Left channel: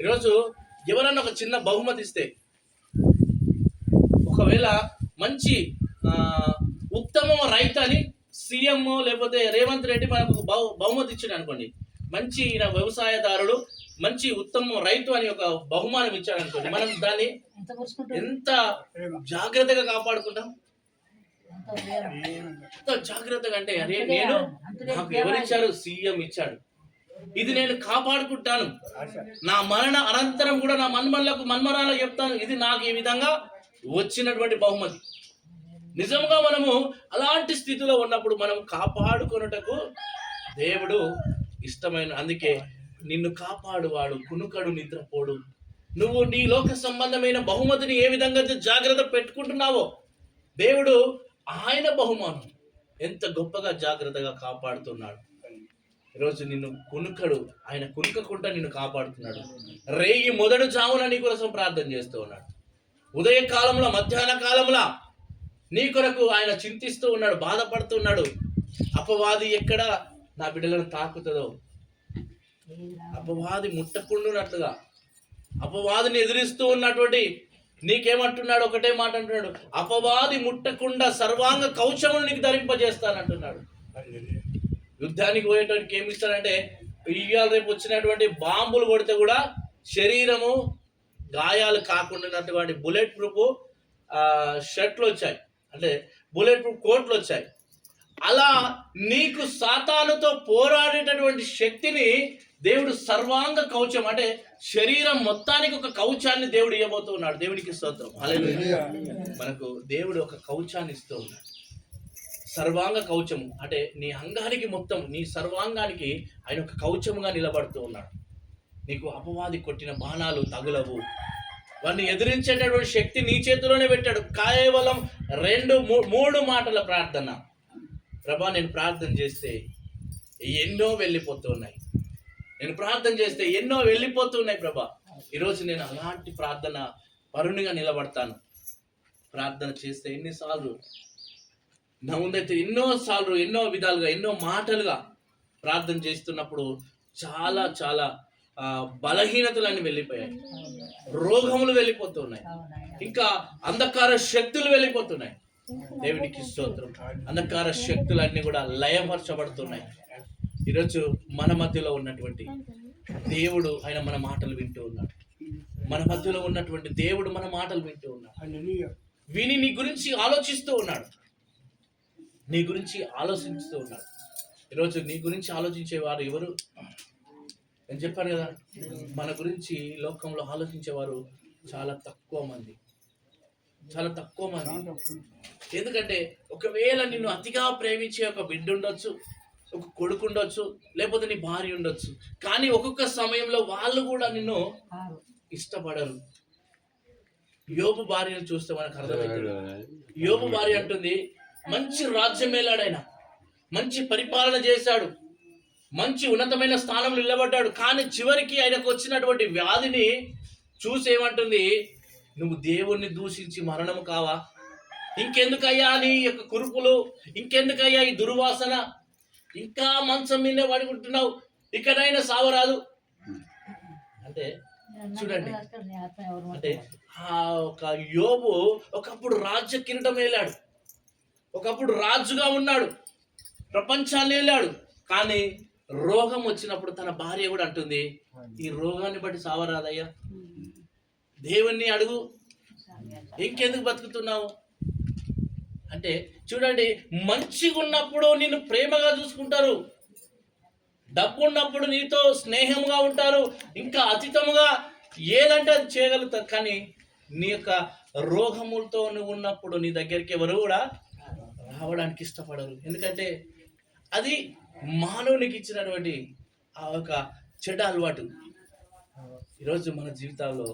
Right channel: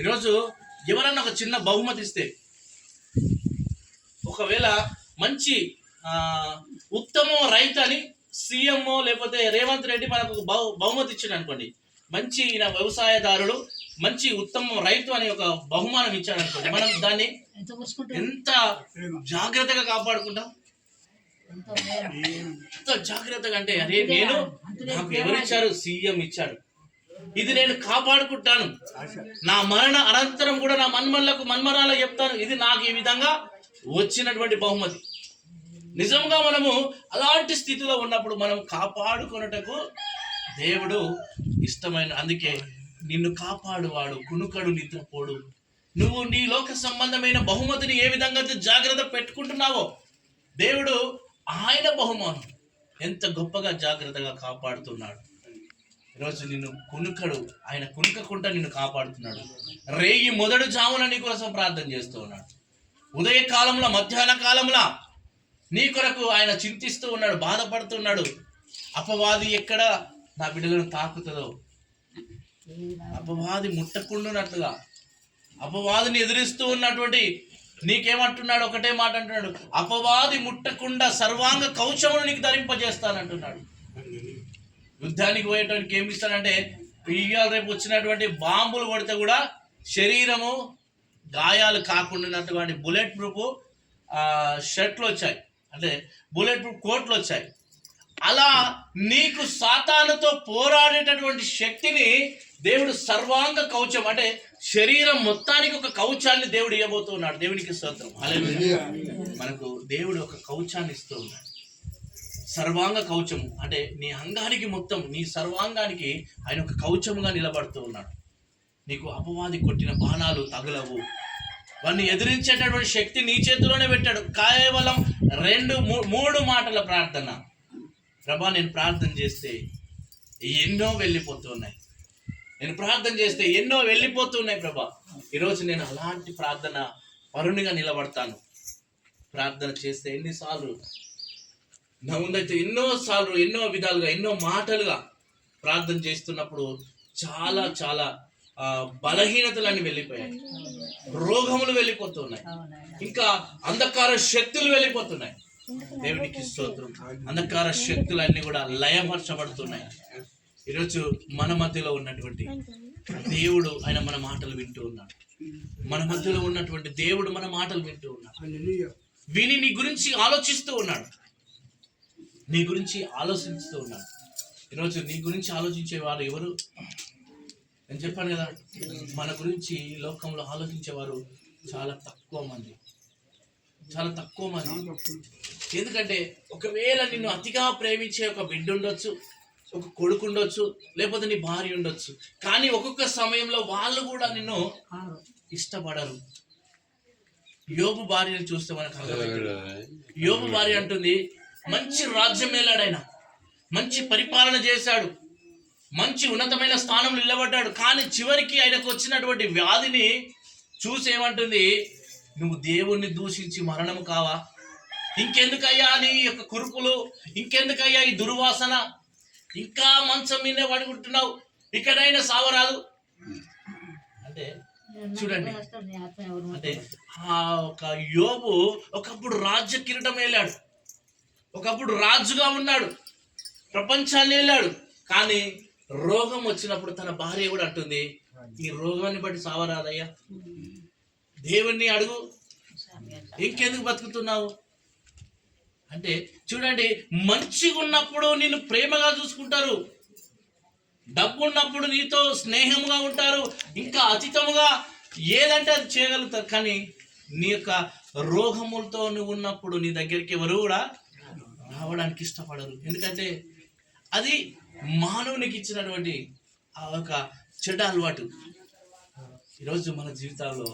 ఈరోజు ఎవరన్నా ఒక చిన్న బహుమతి ఇస్తే, ఒకవేళ మంచి ఉత్తమ రైతు అని సీఎం లేకపోతే రేవంత్ రెడ్డి మనకు బహుమతి ఇచ్చాడు అనుకోండి, మంచి వ్యవసాయదారుడు, మంచి ఉత్తమ రైతు అని ఒక బహుమానం ఇచ్చాడు అనుకోండి, మనం దాన్ని ఎంత జాగ్రత్తగా కాపాడుకుంటాం. ఎంత జాగ్రత్తగా అంటే, అరే నేను నాకు ఎవరిచ్చారు, సీఎం ఇచ్చాడు, ఇది నేను కాపాడుకుంటాను, నా మరణ అనంతరం కూడా నా మన్మరాలకు చెప్తాను, ఇది నాకు ఈ విధంగా వచ్చినటువంటి బహుమతి. నిజంగా మనము అలాంటి స్థితిలో ఉన్నప్పుడు మనం కాపాడుకొనుటకు దేవుడు ఇష్టమైన, అందుకే నిన్ను కాపాడువాడు కునుకడు నిద్రపోడు. నువ్వు నీ లోక సంబంధమైన బహుమతిని ఏ విధంగా జాగ్రత్త పెట్టుకుంటున్నావో, దేవుడు ఆయన బహుమానం ఎంత గొప్పగా జాగ్రత్తగా కాపాడుతున్నాడు. ఈరోజు నిన్ను కునుకడు, ఆయన కునుకకుండా నిన్ను కాపాడుతున్నాడు. రేయి మొదటి జామున నీ కోసం ప్రార్థన చేస్తూ ఉన్నాడు. ఉదయ కాలంలో, మధ్యాహ్న కాలంలో నీ కొరకు ఆయన చింతిస్తూ ఉన్నాడు, బాధపడుతున్నాడు. అపవాది ఎక్కడ నా బిడ్డలను తాకుతుందో, అపవాది ముట్టకుండానట్లుగా అపవాదిని ఎదిరిస్తూ ఉన్నటువంటి నీకేమంటున్నాడు, ఒకటే మాట అంటున్నాడు, అపవాది ముట్టకుండా సర్వాంగ కవచములు నీకు ధరింపజేస్తానంటున్నాడు. యుద్ధానికి పోయేటానికి ఏమి ఇస్తాడంటే, ఇవాళ రేపు వచ్చినటువంటి బాంబులు కొడితే కూడా శరీరము గాయాలు కాకుండానటువంటి బుల్లెట్ ప్రూఫ్ షర్ట్లు వచ్చాయి, అంటే బుల్లెట్ ప్రూఫ్ కోట్లు వచ్చాయి. అలా నీకు సాతానుతో పోరాడేటటువంటి శక్తిని దేవుడు సర్వాంగ కవచం, అంటే శరీరం మొత్తానికి ఒక కవచాన్ని దేవుడు ఇవ్వబోతున్నాడు. దేవునికి స్తోత్రం. హల్లెలూయా. మనకు దేవుడు ఒక కవచాన్ని ఇస్తూ ఉన్నాడు, సర్వాంగ కవచము. అంటే నీ అంగానికి మొత్తం, నీ సర్వాంగానికి ఆయన ఒక కవచముగా నిలబడుతూ ఉన్నాడు. నీకు అపవాది కొట్టిన బాణాలు తగులవు, వాడిని ఎదిరించేటటువంటి శక్తి నీ చేతిలోనే పెట్టాడు. కేవలం 2-3 మాటల ప్రార్థన. ప్రభా, నేను ప్రార్థన చేస్తే ఎన్నో వెళ్ళిపోతున్నాయి, నేను ప్రార్థన చేస్తే ఎన్నో వెళ్ళిపోతున్నాయి ప్రభా. ఈరోజు నేను అలాంటి ప్రార్థన పరునిగా నిలబడతాను. ప్రార్థన చేస్తే ఎన్నిసార్లు నా ముందైతే ఎన్నోసార్లు, ఎన్నో విధాలుగా, ఎన్నో మాటలుగా ప్రార్థన చేస్తున్నప్పుడు చాలా చాలా బలహీనతలన్నీ వెళ్ళిపోయాయి, రోగములు వెళ్ళిపోతున్నాయి, ఇంకా అంధకార శక్తులు వెళ్ళిపోతున్నాయి. దేవునికి స్తోత్రం. అంధకార శక్తులన్నీ కూడా లయపరచబడుతున్నాయి. ఈరోజు మన మధ్యలో ఉన్నటువంటి దేవుడు, ఆయన మన మాటలు వింటూ ఉన్నాడు. మన మధ్యలో ఉన్నటువంటి దేవుడు మన మాటలు వింటూ ఉన్నాడు. విని నీ గురించి ఆలోచిస్తూ ఉన్నాడు, నీ గురించి ఆలోచిస్తూ ఉన్నాడు. ఈరోజు నీ గురించి ఆలోచించేవారు ఎవరు? నేను చెప్పాను కదా, మన గురించి లోకంలో ఆలోచించేవారు చాలా తక్కువ మంది, చాలా తక్కువ మంది. ఎందుకంటే ఒకవేళ నిన్ను అతిగా ప్రేమించే ఒక బిడ్డ ఉండొచ్చు, ఒక కొడుకు ఉండొచ్చు, లేకపోతే నీ భార్య ఉండొచ్చు, కానీ ఒక్కొక్క సమయంలో వాళ్ళు కూడా నిన్ను ఇష్టపడరు. యోబు భార్యను చూస్తే మనకు అర్థమవుతుంది. యోబు భార్య అంటుంది, మంచి రాజ్యం మేలాడైనా, మంచి పరిపాలన చేశాడు, మంచి ఉన్నతమైన స్థానంలో నిలబడ్డాడు, కానీ చివరికి ఆయనకు వచ్చినటువంటి వ్యాధిని చూసేమంటుంది, నువ్వు దేవుణ్ణి దూషించి మరణం కావా? ఇంకెందుకయ్యా నీ యొక్క కురుపులు, ఇంకెందుకయ్యా ఈ దుర్వాసన, ఇంకా మంచం మీదే పడుకుంటున్నావు, ఇక్కడైనా సావరాదు అంటే. చూడండి, అంటే ఆ ఒక యోబు ఒకప్పుడు రాజ్య కిరీటం వేలాడు, ఒకప్పుడు రాజుగా ఉన్నాడు, ప్రపంచాన్ని వేలాడు, కానీ రోగం వచ్చినప్పుడు తన భార్య కూడా అంటుంది, ఈ రోగాన్ని బట్టి సావరాదయ్యా, దేవుణ్ణి అడుగు, ఇంకెందుకు బతుకుతున్నావు అంటే. చూడండి, మంచిగా ఉన్నప్పుడు నిన్ను ప్రేమగా చూసుకుంటారు, డబ్బు ఉన్నప్పుడు నీతో స్నేహంగా ఉంటారు, ఇంకా అతీతముగా ఏదంటే అది చేయగలుగుతారు, కానీ నీ యొక్క రోగములతో నువ్వు ఉన్నప్పుడు నీ దగ్గరికి ఎవరు కూడా రావడానికి ఇష్టపడరు. ఎందుకంటే అది మానవునికి ఇచ్చినటువంటి ఆ ఒక చెడ్డ అలవాటు. ఈరోజు మన జీవితాల్లో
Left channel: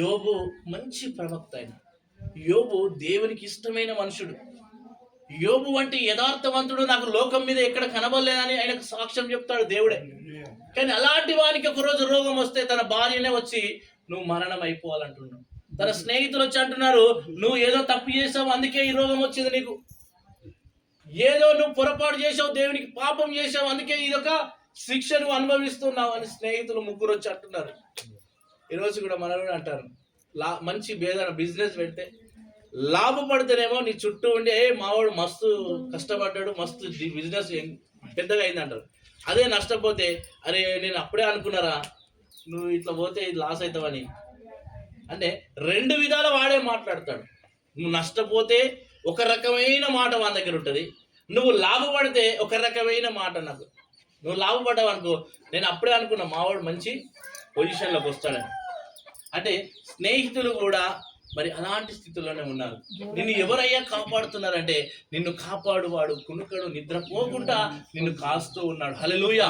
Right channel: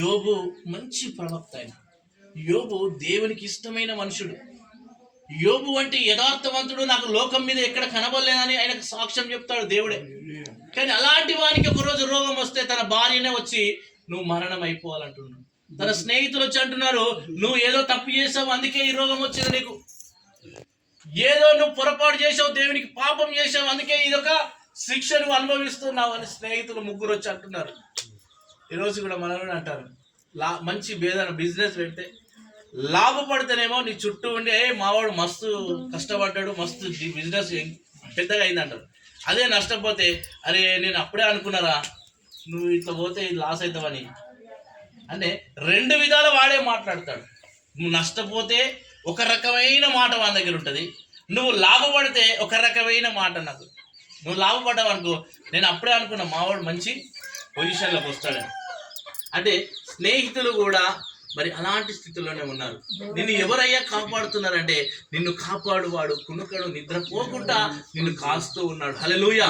యోబు మంచి ప్రవక్త, అయిన యోబు దేవునికి ఇష్టమైన మనుషుడు. యోబు వంటి యథార్థవంతుడు నాకు లోకం మీద ఎక్కడ కనబడలేదని ఆయనకు సాక్ష్యం చెప్తాడు దేవుడే. కానీ అలాంటి వానికి ఒకరోజు రోగం వస్తే తన భార్యనే వచ్చి నువ్వు మరణం అయిపోవాలంటున్నాడు. తన స్నేహితులు వచ్చి అంటున్నారు, నువ్వు ఏదో తప్పు చేసావు, అందుకే ఈ రోగం వచ్చింది నీకు, ఏదో నువ్వు పొరపాటు చేసావు, దేవునికి పాపం చేసావు, అందుకే ఇదొక శిక్ష నువ్వు అనుభవిస్తున్నావు అని స్నేహితులు 3 వచ్చి అంటున్నారు. ఈరోజు కూడా మనం కూడా అంటారు, మంచి బిజినెస్ పెడితే లాభపడితేనేమో నీ చుట్టూ ఉండి మావాడు మస్తు కష్టపడ్డాడు, మస్తు బిజినెస్ పెద్దగా అయింది అంటారు. అదే నష్టపోతే అరే నేను అప్పుడే అనుకున్నారా నువ్వు ఇట్లా పోతే ఇది లాస్ అవుతావని. అంటే రెండు విధాలు వాడే మాట్లాడతాడు. నువ్వు నష్టపోతే ఒక రకమైన మాట వాని దగ్గర ఉంటుంది, నువ్వు లాభపడితే ఒక రకమైన మాట. నాకు నువ్వు లాభపడ్డావు అనుకో, నేను అప్పుడే అనుకున్నా మావాడు మంచి పొజిషన్లోకి వస్తాడని. అంటే స్నేహితులు కూడా మరి అలాంటి స్థితిలోనే ఉన్నారు. నిన్ను ఎవరయ్యా కాపాడుతున్నారంటే నిన్ను కాపాడువాడు కునుకడు నిద్రపోకుండా నిన్ను కాస్తూ ఉన్నాడు. హల్లెలూయా.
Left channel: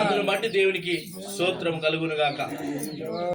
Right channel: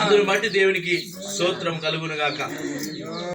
అందుని బట్టి దేవునికి స్తోత్రం కలుగును గాక.